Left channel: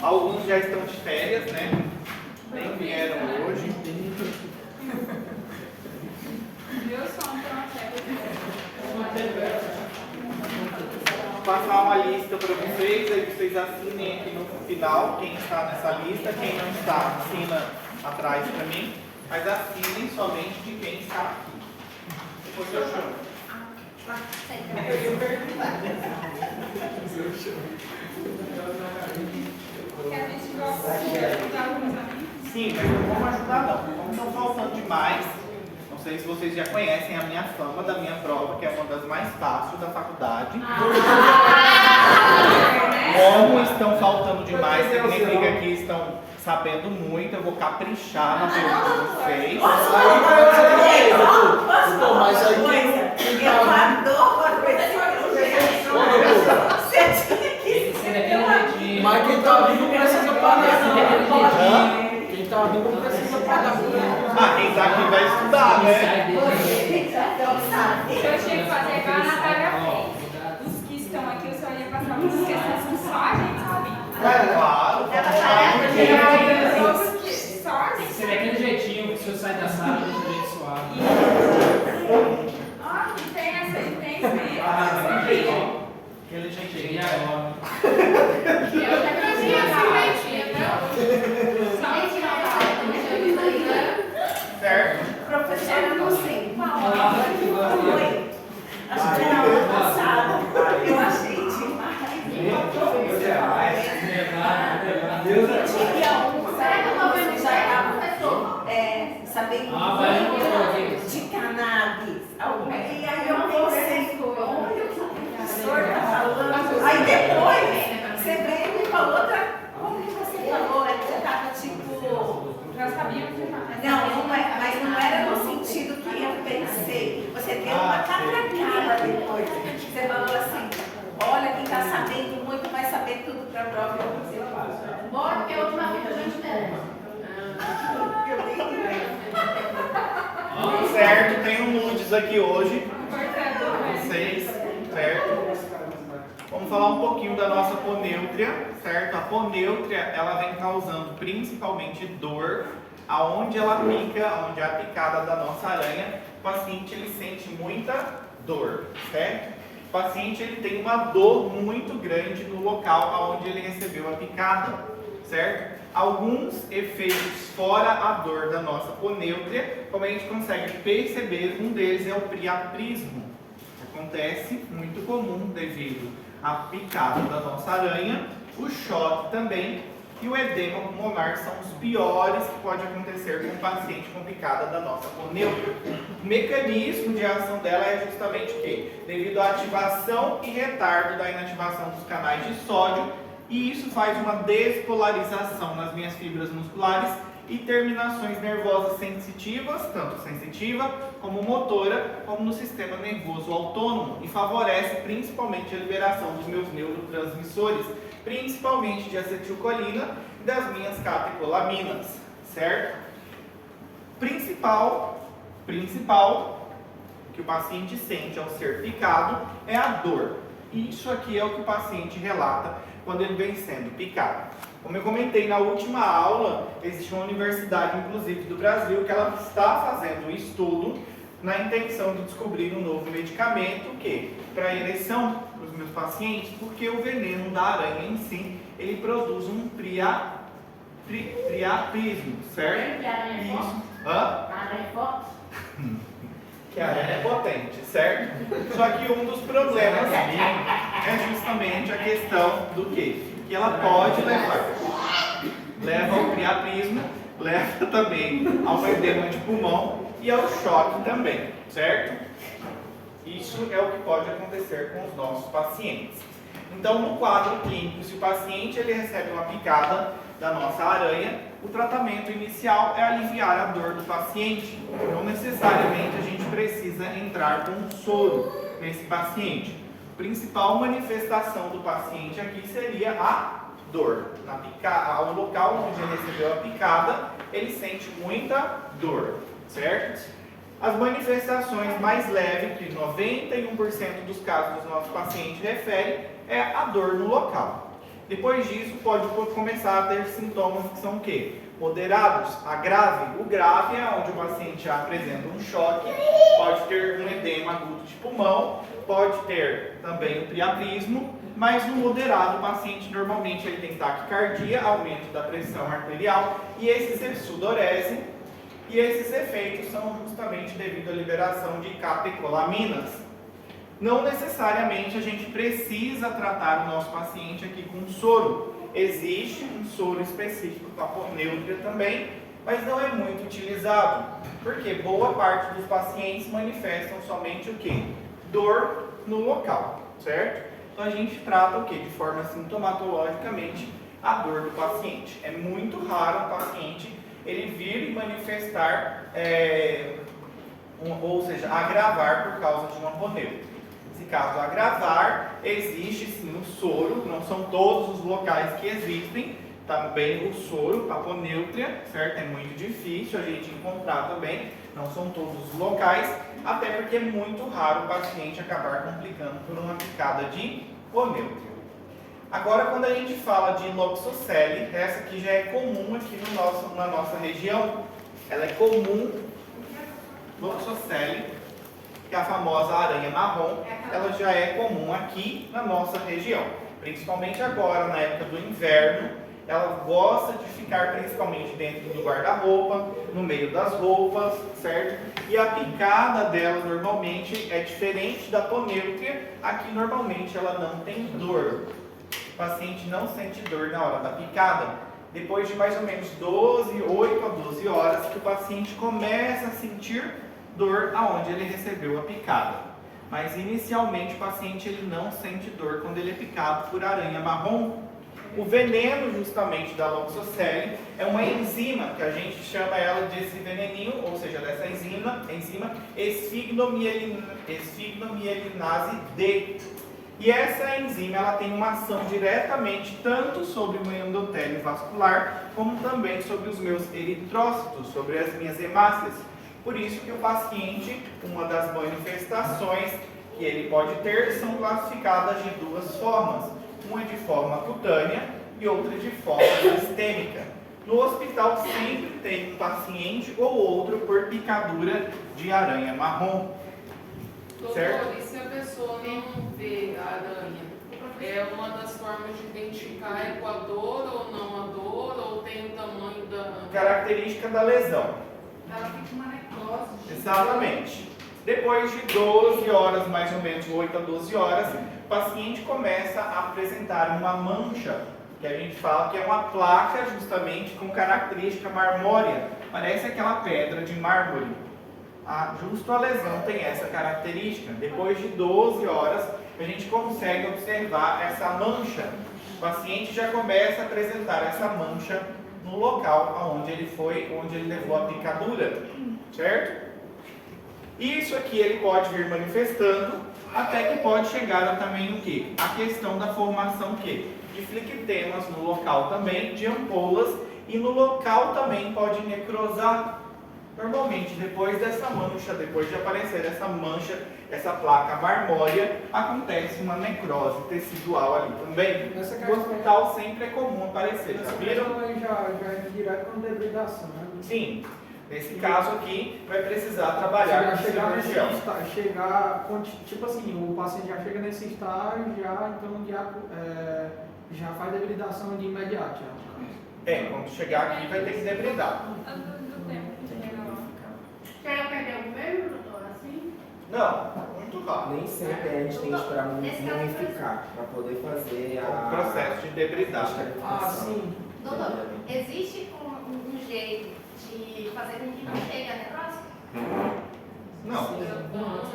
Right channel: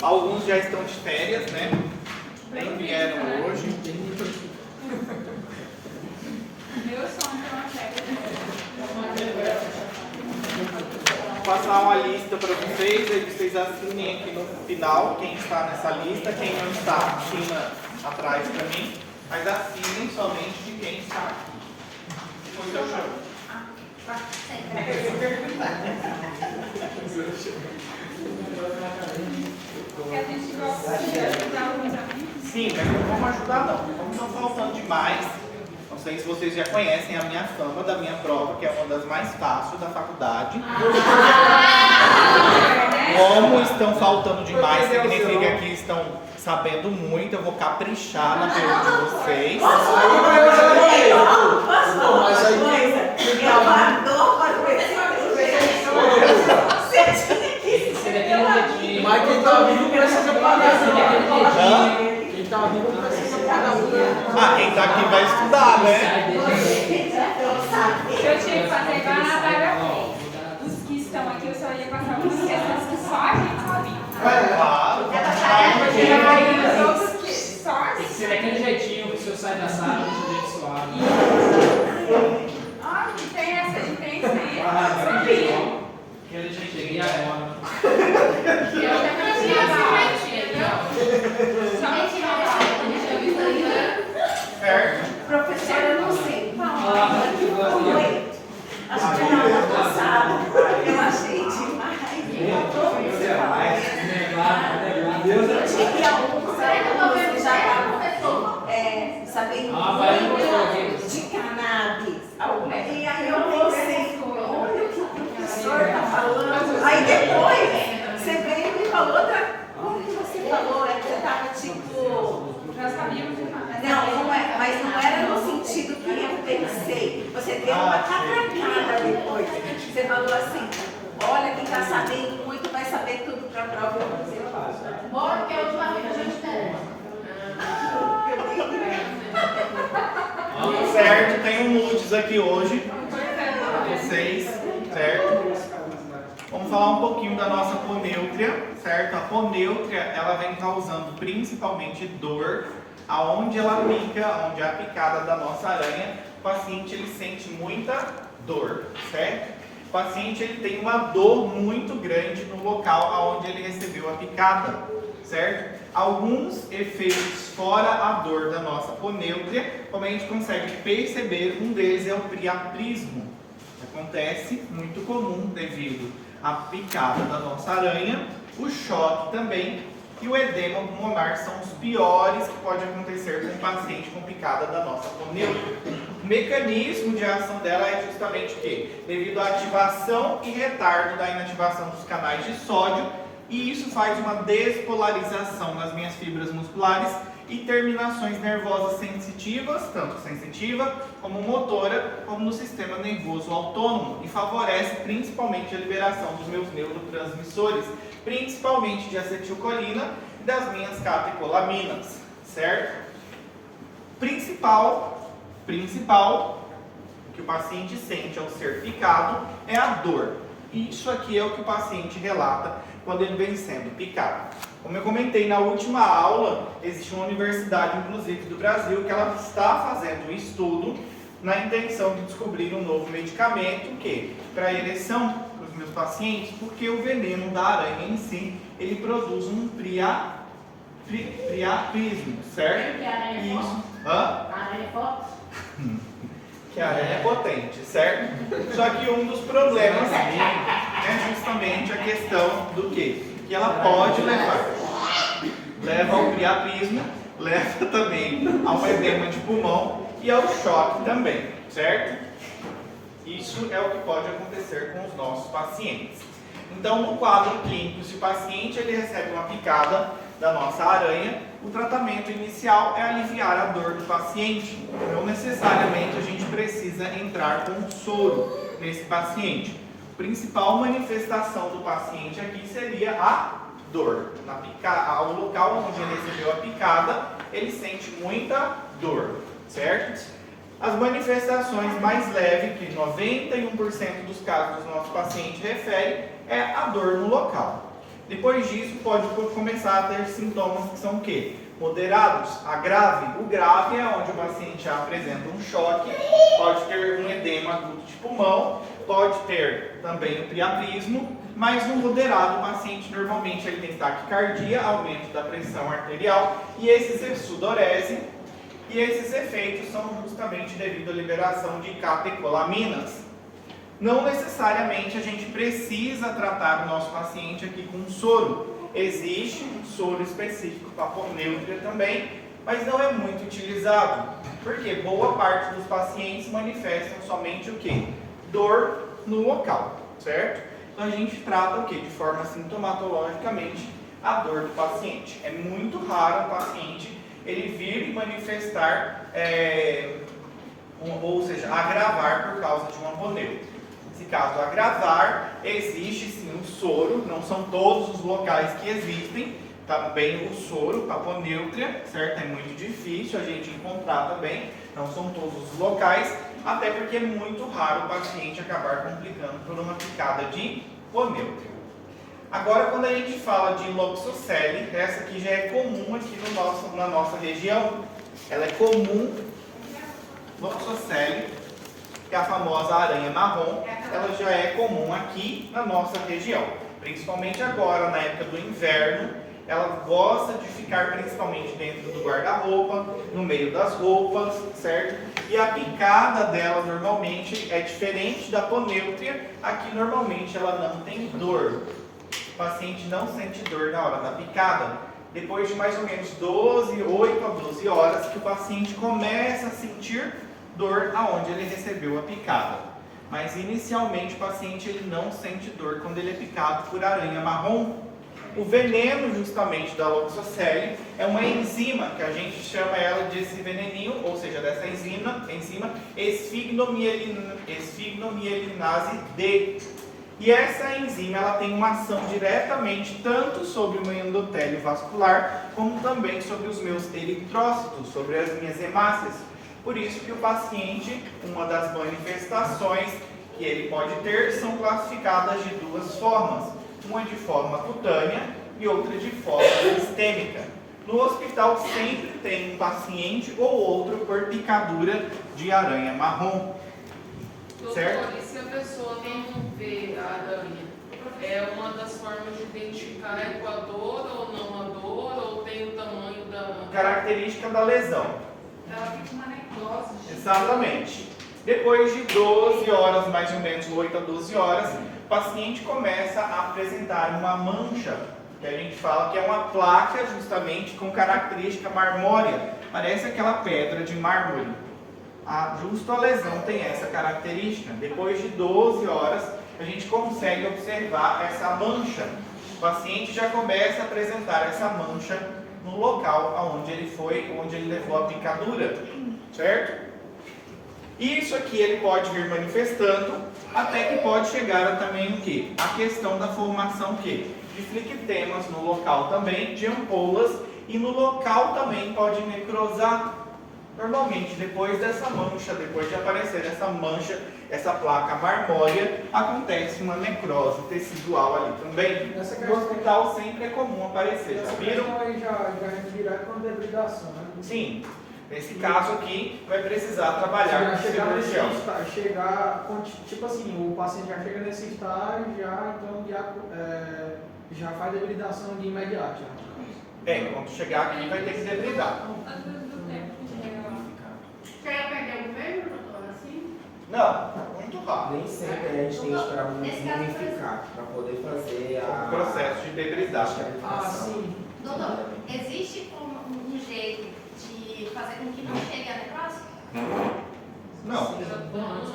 Alguns já estão de férias, né? Nem vieram hoje. Meu sonho é uma férias. Vou passar uma lista para vocês, aí vocês assinem aqui no final quem está nessa lista, quem não está, assina atrás para mim, mas assinem somente de quem está aqui. Como eu chamo? Sim, mas não vamos ajudar não. Como estão faltando demais, não sei se vocês já conhecem a minha fama da minha prova, que é uma das mais fáceis da faculdade. Como estão faltando demais, significa que estão sabendo muito, eu vou caprichar na pergunta de vocês. Mas quem tá vindo precisa pagar. Quem tá vindo precisa pagar. Ah, quem tá aqui vai estudar, né? Eu tinha que fazer igual a Natália fez. Os que estão aqui, eu só ia passar algumas questões que só a gente sabia. Claro, Só Ser daquele jeitinho que o senhor sai da sala, deixa o jeito suave. Ah, não tem essa de tem sempre. Aquele jeitinho agora. Eu já fazia esse jeitinho, não? Só me tirava. certo? Professora, eu não sei. Acho que na aula passada eu achei demais. Tinha um que você já estava sabendo muito de cannabis. E aí eu pensei, olha o que o professor está falando. Aí depois você veio e me falou outra. Como que você falou? É que você estava tipo. Nós sabíamos de Não é, mas não era no sentido que eu pensei. Você deu uma catracada depois. Você falou assim, olha, quem está sabendo muito vai saber tudo para a prova. Bora, porque a última vez que a gente teve. Certo, tem um nudes aqui hoje para vocês, certo? Vamos falar um pouquinho da nossa ponêutria, certo? A ponêutria, ela vem causando principalmente dor aonde ela pica, onde é a picada da nossa aranha. O paciente, ele sente muita dor, certo? O paciente, ele tem uma dor muito grande no local aonde ele recebeu a picada, certo? Alguns efeitos fora a dor da nossa ponêutria, como a gente consegue perceber, um deles é o priapismo. Acontece muito comum devido à picada da nossa aranha, o choque também e o edema pulmonar são os piores que pode acontecer com um paciente com picada da nossa ponêutria. O mecanismo de ação dela é justamente o quê? Devido à ativação e retardo da inativação dos canais de sódio, e isso faz uma despolarização nas minhas fibras musculares e terminações nervosas sensitivas, tanto sensitiva como motora, como no sistema nervoso autônomo, e favorece principalmente a liberação dos meus neurotransmissores, principalmente de acetilcolina e das minhas catecolaminas, certo? Principal que o paciente sente ao ser picado é a dor. Isso aqui é o que o paciente relata quando ele vem sendo picado. Como eu comentei na última aula, existe uma universidade, inclusive do Brasil, que ela está fazendo um estudo na intenção de descobrir um novo medicamento que para ereção para os meus pacientes, porque o veneno da aranha em si, ele produz um priapismo, certo? Isso. Hã? Que a aranha é potente, certo? Só que um dos problemas é justamente a questão do quê? Que ela pode leva ao priapismo, leva também ao edema de pulmão e ao choque também, certo? Isso é o que pode acontecer com os nossos pacientes. Então, no quadro clínico, se o paciente ele recebe uma picada da nossa aranha, o tratamento inicial é aliviar a dor do paciente. Não necessariamente a gente precisa entrar com um soro nesse paciente. A principal manifestação do paciente aqui seria a dor. Ao local onde ele recebeu a picada, ele sente muita dor, certo? As manifestações mais leves, que 91% dos casos dos nossos pacientes referem, é a dor no local. Depois disso, pode começar a ter sintomas que são o quê? Moderados, a grave. O grave é onde o paciente já apresenta um choque, pode ter um edema agudo de pulmão, pode ter também o priapismo, mas no moderado o paciente normalmente ele tem taquicardia, aumento da pressão arterial e esses sudorese, e esses efeitos são justamente devido à liberação de catecolaminas. Não necessariamente a gente precisa tratar o nosso paciente aqui com soro. Existe um soro específico para aponeutria também, mas não é muito utilizado, porque boa parte dos pacientes manifestam somente o quê? Dor no local, certo? Então a gente trata o quê? De forma sintomatologicamente a dor do paciente. É muito raro o paciente ele vir manifestar, ou seja, agravar por causa de uma aponeutria. Se caso agravar, existe sim o soro, não são todos os locais que existem, também o soro, aponeutria, certo? É muito difícil a gente encontrar também, não são todos os locais, até porque é muito raro o paciente acabar complicando por uma picada de aponeutria. Agora, quando a gente fala de Loxocele, essa aqui já é comum aqui na nossa região, ela é comum, Loxocele, que é a famosa aranha marrom, ela já é comum aqui na nossa região. Principalmente agora, na época do inverno, ela gosta de ficar principalmente dentro do guarda-roupa, no meio das roupas, certo? E a picada dela normalmente é diferente da aponeutria, aqui normalmente ela não tem dor. O paciente não sente dor na hora da picada. Depois de mais ou menos 8 a 12 horas, que o paciente começa a sentir dor aonde ele recebeu a picada. Mas inicialmente o paciente ele não sente dor quando ele é picado por aranha marrom. O veneno justamente da Loxocele é uma enzima, que a gente chama ela desse veneninho, ou seja, dessa enzima esfignomielinase D. E essa enzima ela tem uma ação diretamente tanto sobre o meu endotélio vascular, como também sobre os meus eritrócitos, sobre as minhas hemácias. Por isso que o paciente, uma das manifestações que ele pode ter são classificadas de duas formas. Uma de forma cutânea e outra de forma sistêmica. No hospital sempre tem um paciente ou outro por picadura de aranha marrom. Certo? Doutor, e se a pessoa não vê a aranha, é uma das formas de identificar é com a dor ou não a dor, ou tem o tamanho da... Característica da lesão. Ela fica uma necrose. Exatamente. Depois de 12 horas, mais ou menos 8 a 12 horas, o paciente começa a apresentar uma mancha, que a gente fala que é uma placa justamente com característica marmórea. Parece aquela pedra de mármore. Justo a lesão tem essa característica. Depois de 12 horas, a gente consegue observar essa mancha. O paciente já começa a apresentar essa mancha no local onde ele levou a picadura, certo? Isso aqui ele pode vir manifestando, até que pode chegar também o quê? A questão da formação de flictemas no local também, de ampolas, e no local também pode necrosar. Normalmente, depois dessa mancha, depois de aparecer essa mancha, essa placa marmórea, acontece uma necrose tecidual ali também. No hospital sempre é comum aparecer, já viram? Já é direto com debridação, né? Sim. Nesse caso aqui, vai precisar trabalhar com cirurgião. Tipo assim, o paciente já chega nesse estágio, já faz debridação de imediato. Quando chegar aqui vai ter que debridar. Chega a perder o governo, doutor, assim? Não, muito rápido. Nem sempre a gente tem que esperar mumificar para poder fazer O processo de debridar. Sim. Doutor, existe um jeito de fazer com que não chegue a necrose? Não,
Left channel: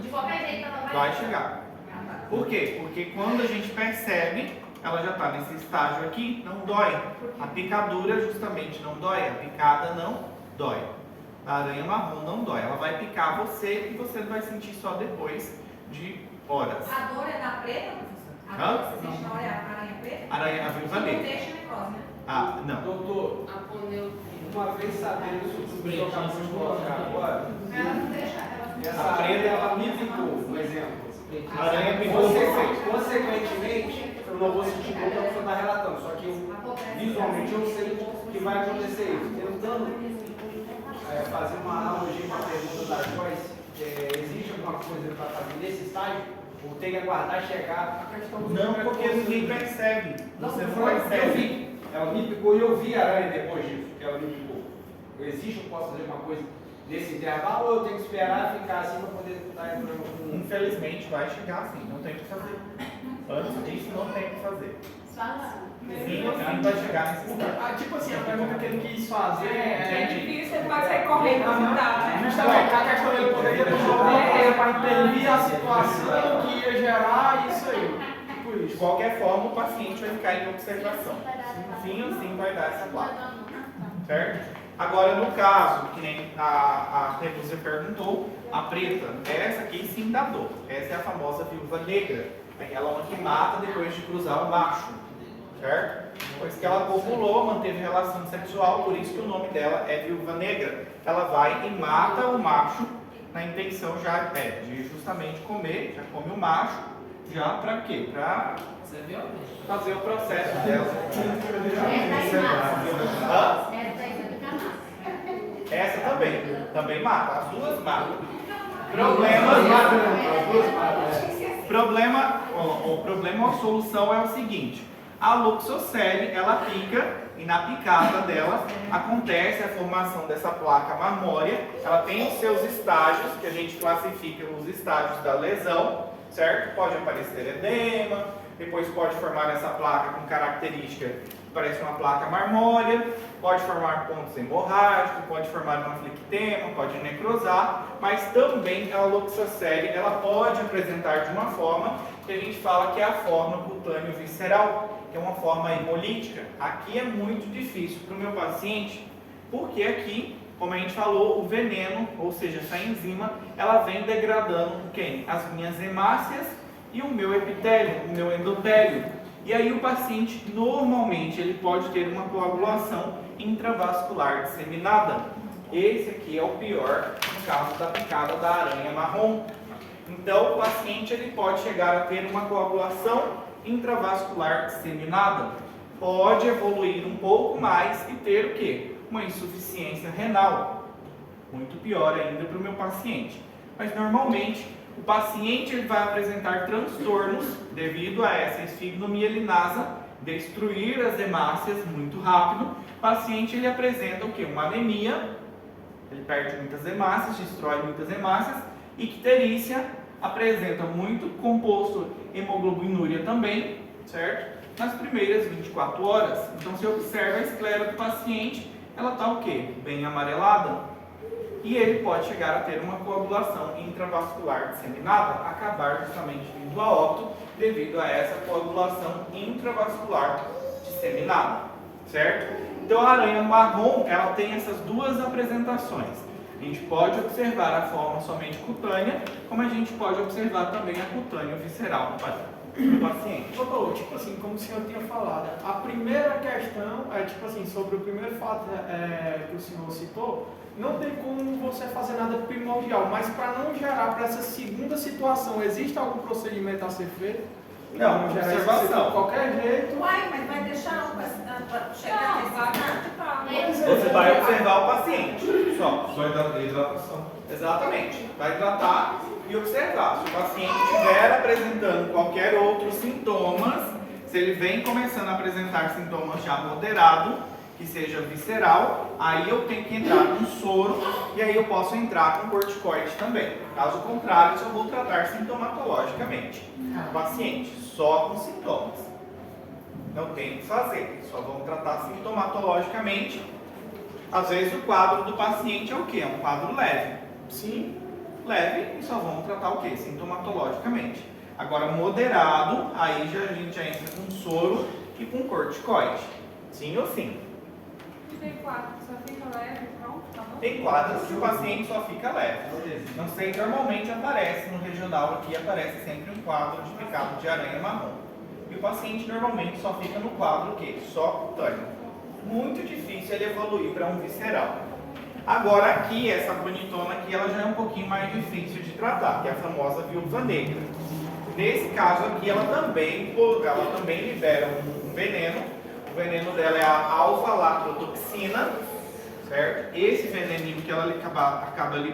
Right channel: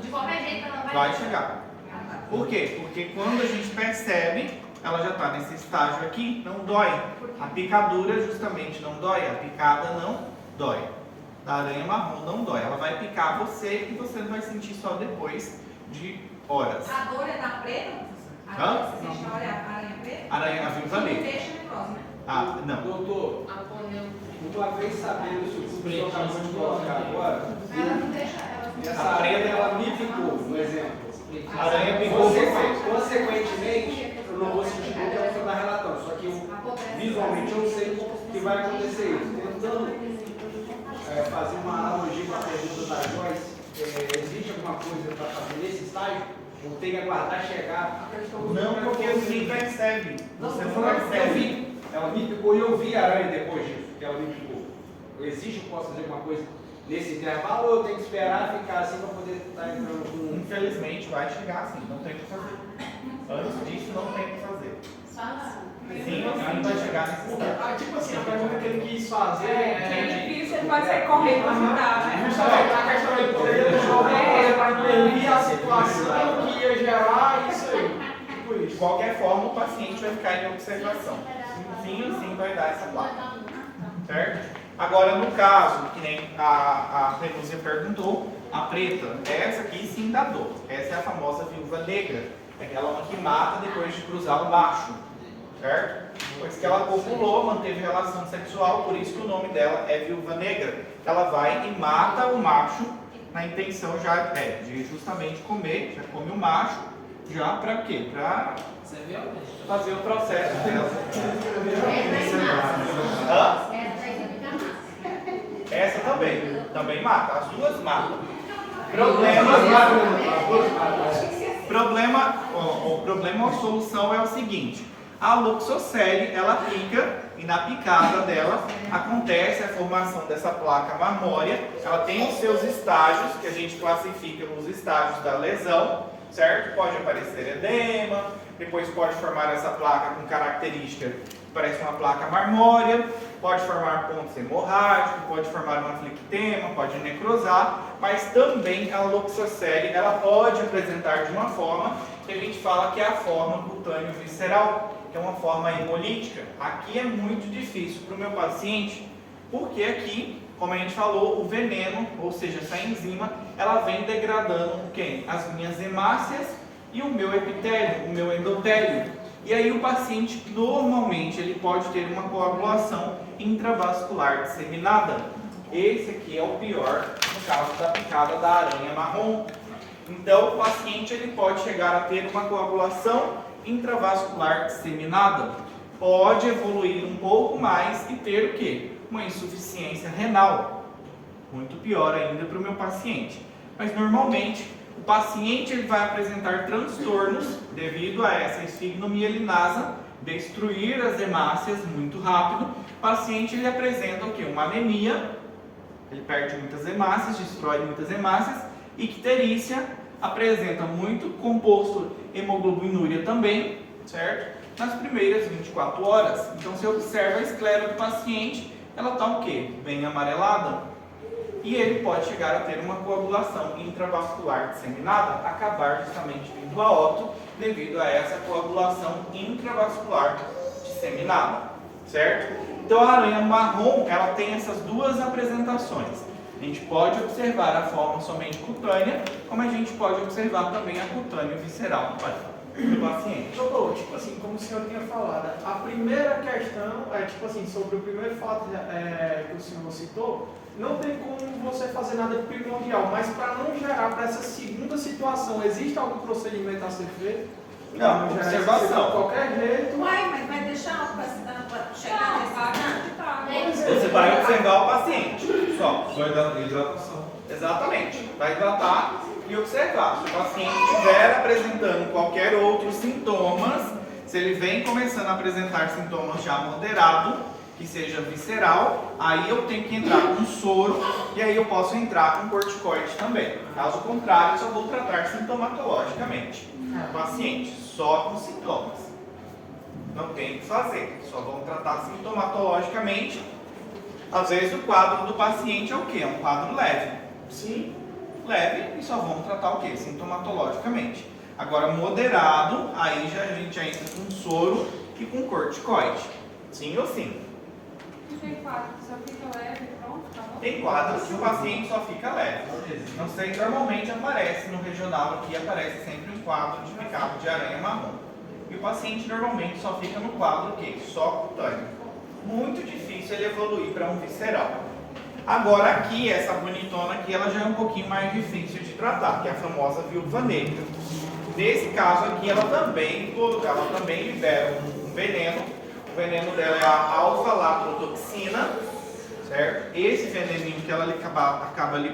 De qualquer jeito ela vai... vai chegar. Por quê? Porque quando a gente percebe, ela já está nesse estágio aqui, não dói. A picadura justamente não dói, a picada não dói. A aranha marrom não dói, ela vai picar você e você vai sentir só depois de horas. A dor é da preta, professor? A Hã? dor que você chama é a aranha preta? Aranha viúva Não negra. deixa necrose, né? Não. Doutor, Aponeutria. uma vez sabendo isso que o senhor acabou de colocar agora, Ela não deixa... Ela... essa preta ela me ficou, um exemplo. A aranha picou você. Consequentemente, eu não vou sentir dor, que a pessoa está relatando. Só que visualmente eu sei que vai acontecer isso. Tentando fazer uma analogia com a pergunta da Joyce, existe alguma coisa para fazer nesse estágio? Ou tem que aguardar chegar? Não, porque ninguém percebe. Você não Eu percebe. vi, ela me picou e eu vi a aranha depois disso, que ela me picou. Existe, eu posso fazer alguma coisa nesse intervalo ou eu tenho que esperar ficar assim para poder estar entrando com... Infelizmente vai chegar assim, não tem o que fazer. Antes disso não tem o que fazer. Sim, ainda vai chegar nesse estado. Tipo assim, a pergunta que ele quis fazer É difícil, ele pode ser correto, né? justamente a questão de poder prever a situação que ia gerar isso aí. Tipo De isso. qualquer forma, o paciente vai ficar em observação. Sim ou sim vai dar essa placa. Certo? Agora, no caso, que nem a Renúzia perguntou, a preta, essa aqui sim dá dor. Essa é a famosa viúva negra. Aquela uma que mata depois de cruzar o macho. Certo? Depois que ela copulou, manteve relação sexual, por isso que o nome dela é viúva negra. Ela vai e mata o macho na intenção já de justamente comer, já come o macho, já para quê? Para fazer o processo dela. Essa também mata, as duas matam. O problema ou solução é o seguinte: a Luxocele, ela pica e na picada dela acontece a formação dessa placa mamória. Ela tem os seus estágios, que a gente classifica nos estágios da lesão, certo? Pode aparecer edema, depois pode formar essa placa com característica que parece uma placa marmórea, pode formar pontos hemorrágicos, pode formar uma flictema, pode necrosar, mas também a Luxocele, ela pode apresentar de uma forma que a gente fala que é a forma cutâneo-visceral, que é uma forma hemolítica. Aqui é muito difícil para o meu paciente, porque aqui, como a gente falou, o veneno, ou seja, essa enzima, ela vem degradando quem? As minhas hemácias e o meu epitélio, o meu endotélio. E aí o paciente, normalmente, ele pode ter uma coagulação intravascular disseminada. Esse aqui é o pior no caso da picada da aranha marrom. Então, o paciente ele pode chegar a ter uma coagulação intravascular disseminada. Pode evoluir um pouco mais e ter o quê? Uma insuficiência renal. Muito pior ainda para o meu paciente. Mas, normalmente, o paciente ele vai apresentar transtornos devido a essa esfignomielinasa, destruir as hemácias muito rápido. O paciente ele apresenta o quê? Uma anemia, ele perde muitas hemácias, destrói muitas hemácias. Icterícia apresenta muito composto hemoglobinúria também, certo? Nas primeiras 24 horas. Então, você observa a esclera do paciente, ela está o quê? Bem amarelada. E ele pode chegar a ter uma coagulação intravascular disseminada, acabar justamente vindo a óbito devido a essa coagulação intravascular disseminada, certo? Então a aranha marrom, ela tem essas duas apresentações. A gente pode observar a forma somente cutânea, como a gente pode observar também a cutânea visceral do paciente. Doutor, tipo assim, como o senhor tinha falado, a primeira questão é, tipo assim, sobre o primeiro fato que o senhor citou, não tem como você fazer nada primordial, mas para não gerar para essa segunda situação, existe algum procedimento a ser feito? Não, observação. De qualquer jeito. Uai, mas vai deixar o paciente chegar nesse estado? Você vai observar o paciente, só. Vai dar hidratação. Exatamente. Vai tratar e observar. Se o paciente estiver apresentando qualquer outro sintomas, se ele vem começando a apresentar sintomas já moderados, que seja visceral, aí eu tenho que entrar com soro e aí eu posso entrar com corticoide também. Caso contrário, eu só vou tratar sintomatologicamente o paciente, só com sintomas. Não tem o que fazer, só vamos tratar sintomatologicamente. Às vezes o quadro do paciente é o quê? É um quadro leve. Sim, leve, e só vamos tratar o quê? Sintomatologicamente. Agora, moderado, aí já, a gente já entra com soro e com corticoide. Sim ou sim? Tem quadro que só fica leve, pronto, tá bom? Tem quadros que o paciente só fica leve. Não sei, normalmente aparece no regional aqui, aparece sempre um quadro de picado de aranha marrom. E o paciente normalmente só fica no quadro o quê? Só cutâneo. Muito difícil ele evoluir para um visceral. Agora aqui, essa bonitona aqui, ela já é um pouquinho mais difícil de tratar, que é a famosa viúva negra. Nesse caso aqui, ela também libera um veneno. O veneno dela é a alfa-latrotoxina, certo? Esse veneninho que ela acaba liberando